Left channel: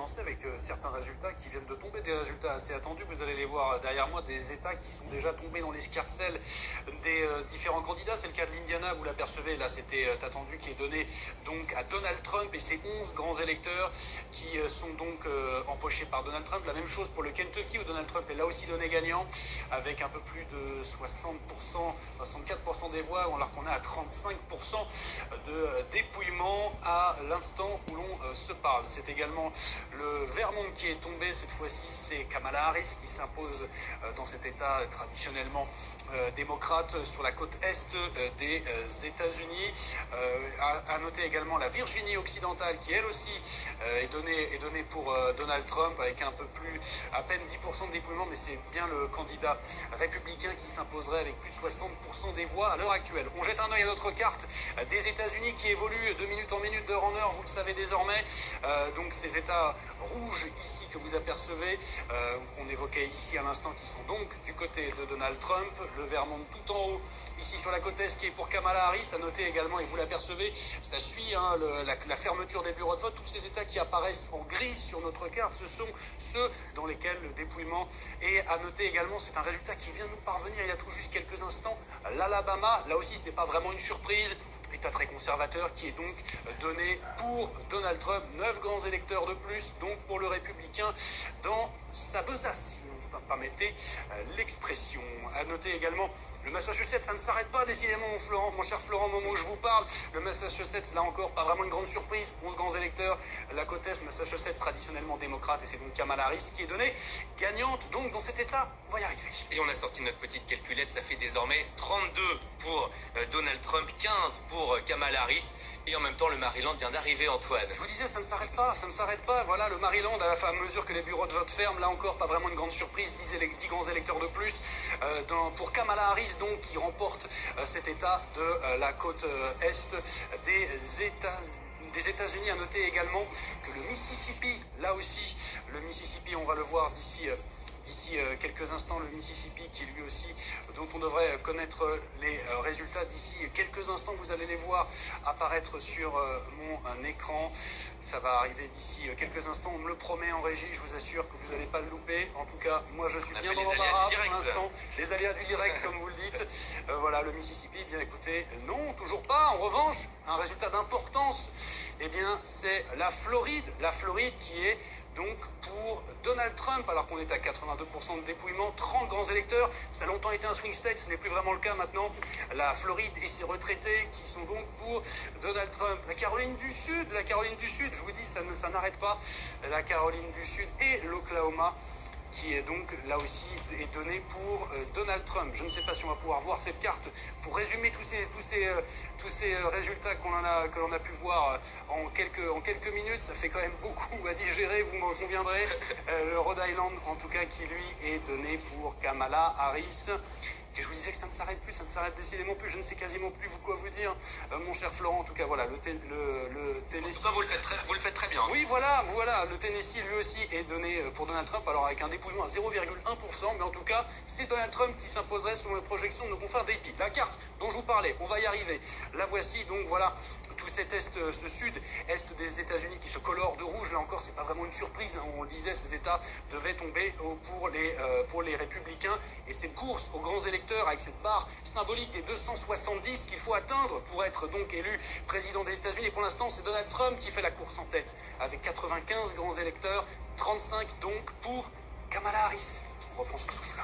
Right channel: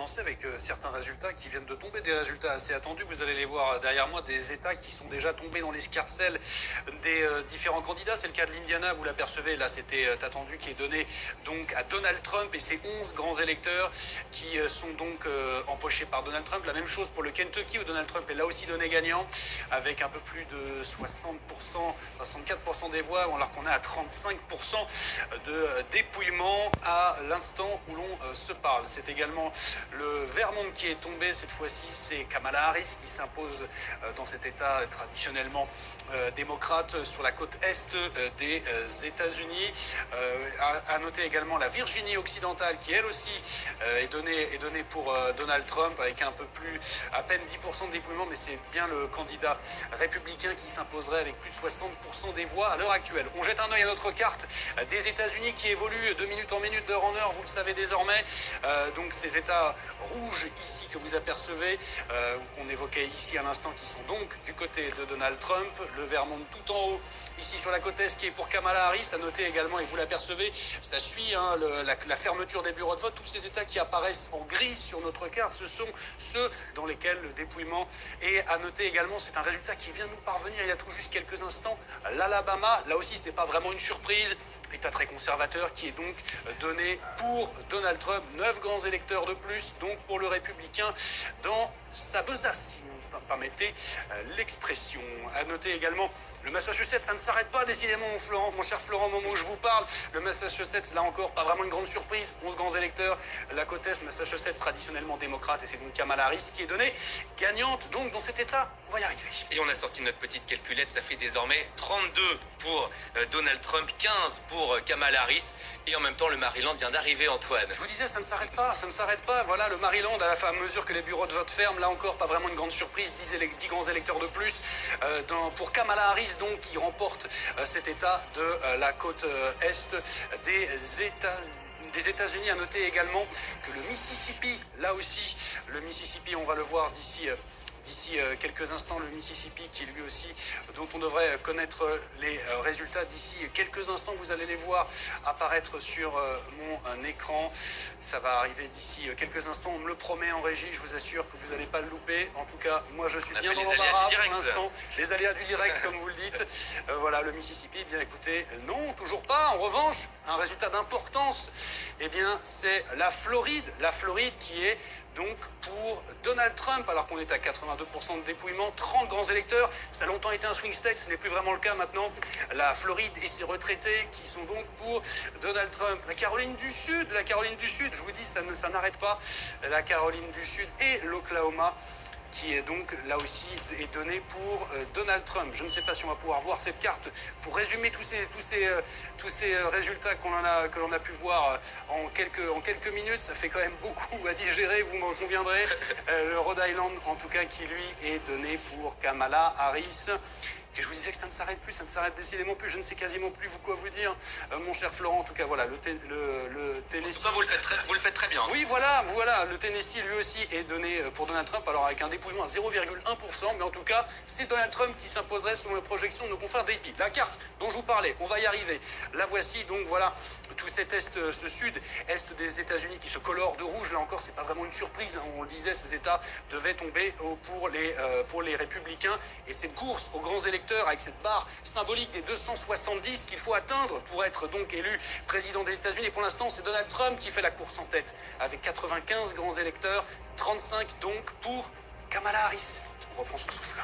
Avec certains résultats qui viennent de tomber, des résultats assez attendus. Vous allez les voir derrière moi, des États qui sont déjà tombés dans l'escarcelle des différents candidats. C'est le cas de l'Indiana, vous l'apercevez, là c'était attendu, qui est donné donc à Donald Trump et ses 11 grands électeurs qui sont donc empochés par Donald Trump. La même chose pour le Kentucky où Donald Trump est là aussi donné gagnant avec un peu plus de 60%, 64% des voix, alors qu'on est à 35% de dépouillement à l'instant où l'on se parle. C'est également le Vermont qui est tombé, cette fois-ci c'est Kamala Harris qui s'impose dans cet État traditionnellement démocrate sur la côte est des États-Unis. À noter également la Virginie occidentale qui elle aussi est donnée pour Donald Trump avec un peu plus, à peine 10% de dépouillement, mais c'est bien le candidat républicain qui s'imposerait avec plus de 60% des voix à l'heure actuelle. On jette un œil à notre carte des États-Unis qui évolue de minute en minute, d'heure en heure, vous le savez désormais. Donc ces États rouges ici que vous apercevez, qu'on évoquait ici à l'instant, qui sont donc du côté de Donald Trump, le Vermont tout en haut ici sur la côte est qui est pour Kamala Harris. À noter également, et vous l'apercevez, ça suit la fermeture des bureaux de vote. Tous ces États qui apparaissent en gris sur notre carte, ce sont ceux dans lesquels le dépouillement est. À noter également, c'est un résultat qui vient nous parvenir il y a tout juste quelques instants, l'Alabama. Là aussi, ce n'est pas vraiment une surprise. État très conservateur qui est donc donné pour Donald Trump, 9 grands électeurs de plus, donc pour le républicain dans sa besace, si on ne permettez l'expression. À noter également le Massachusetts, ça ne s'arrête pas décidément mon cher Florent, au moment où je vous parle. Le Massachusetts, là encore, pas vraiment une grande surprise, 11 grands électeurs. La côte est, Massachusetts, traditionnellement démocrate, et c'est donc Kamala Harris qui est donnée gagnante donc dans cet État. On va y arriver. Et on a sorti notre petite calculette, ça fait désormais 32 pour Donald Trump, 15 pour Kamala Harris. Et en même temps, le Maryland vient d'arriver, Antoine. Je vous disais, ça ne s'arrête pas, ça ne s'arrête pas. Voilà, le Maryland, à mesure que les bureaux de vote ferment, là encore, pas vraiment une grande surprise, 10 grands électeurs de plus. Pour Kamala Harris, donc, qui remporte cet État de la côte est des États-Unis. À noter également que le Mississippi, là aussi, le Mississippi, on va le voir d'ici quelques instants, le Mississippi qui lui aussi, dont on devrait connaître les résultats d'ici quelques instants. Vous allez les voir apparaître sur mon écran. Ça va arriver d'ici quelques instants, on me le promet en régie, je vous assure que vous n'allez pas le louper. En tout cas, moi je suis bien dans l'embarras pour l'instant. Les aléas du direct, comme vous le dites. Voilà, le Mississippi, bien écoutez, non, toujours pas. En revanche, un résultat d'importance, eh bien, c'est la Floride qui est donc pour Donald Trump, alors qu'on est à 82% de dépouillement, 30 grands électeurs. Ça a longtemps été un swing state, ce n'est plus vraiment le cas maintenant. La Floride et ses retraités qui sont donc pour Donald Trump. La Caroline du Sud, je vous dis, ça n'arrête pas. La Caroline du Sud et l'Oklahoma qui est donc là aussi est donné pour Donald Trump. Je ne sais pas si on va pouvoir voir cette carte pour résumer tous ces résultats que l'on a pu voir en quelques minutes. Ça fait quand même beaucoup à digérer, vous m'en conviendrez. Le Rhode Island, en tout cas, qui lui est donné pour Kamala Harris. Et je vous disais que ça ne s'arrête plus, ça ne s'arrête décidément plus, je ne sais quasiment plus quoi vous dire, mon cher Florent. En tout cas, voilà, le Tennessee... En tout cas, vous le faites très bien. Oui, voilà, le Tennessee, lui aussi, est donné pour Donald Trump, alors avec un dépouillement à 0,1%, mais en tout cas, c'est Donald Trump qui s'imposerait selon les projections de nos confrères d'AP. La carte dont je vous parlais, on va y arriver. La voici, donc voilà, tout cet ce sud-est des États-Unis qui se colore de rouge. Là encore, c'est pas vraiment une surprise, hein. On le disait, ces États devaient tomber pour les républicains, et cette course aux grands électeurs avec cette barre symbolique des 270 qu'il faut atteindre pour être donc élu président des États-Unis. Et pour l'instant, c'est Donald Trump qui fait la course en tête avec 95 grands électeurs, 35 donc pour Kamala Harris. On reprend son souffle.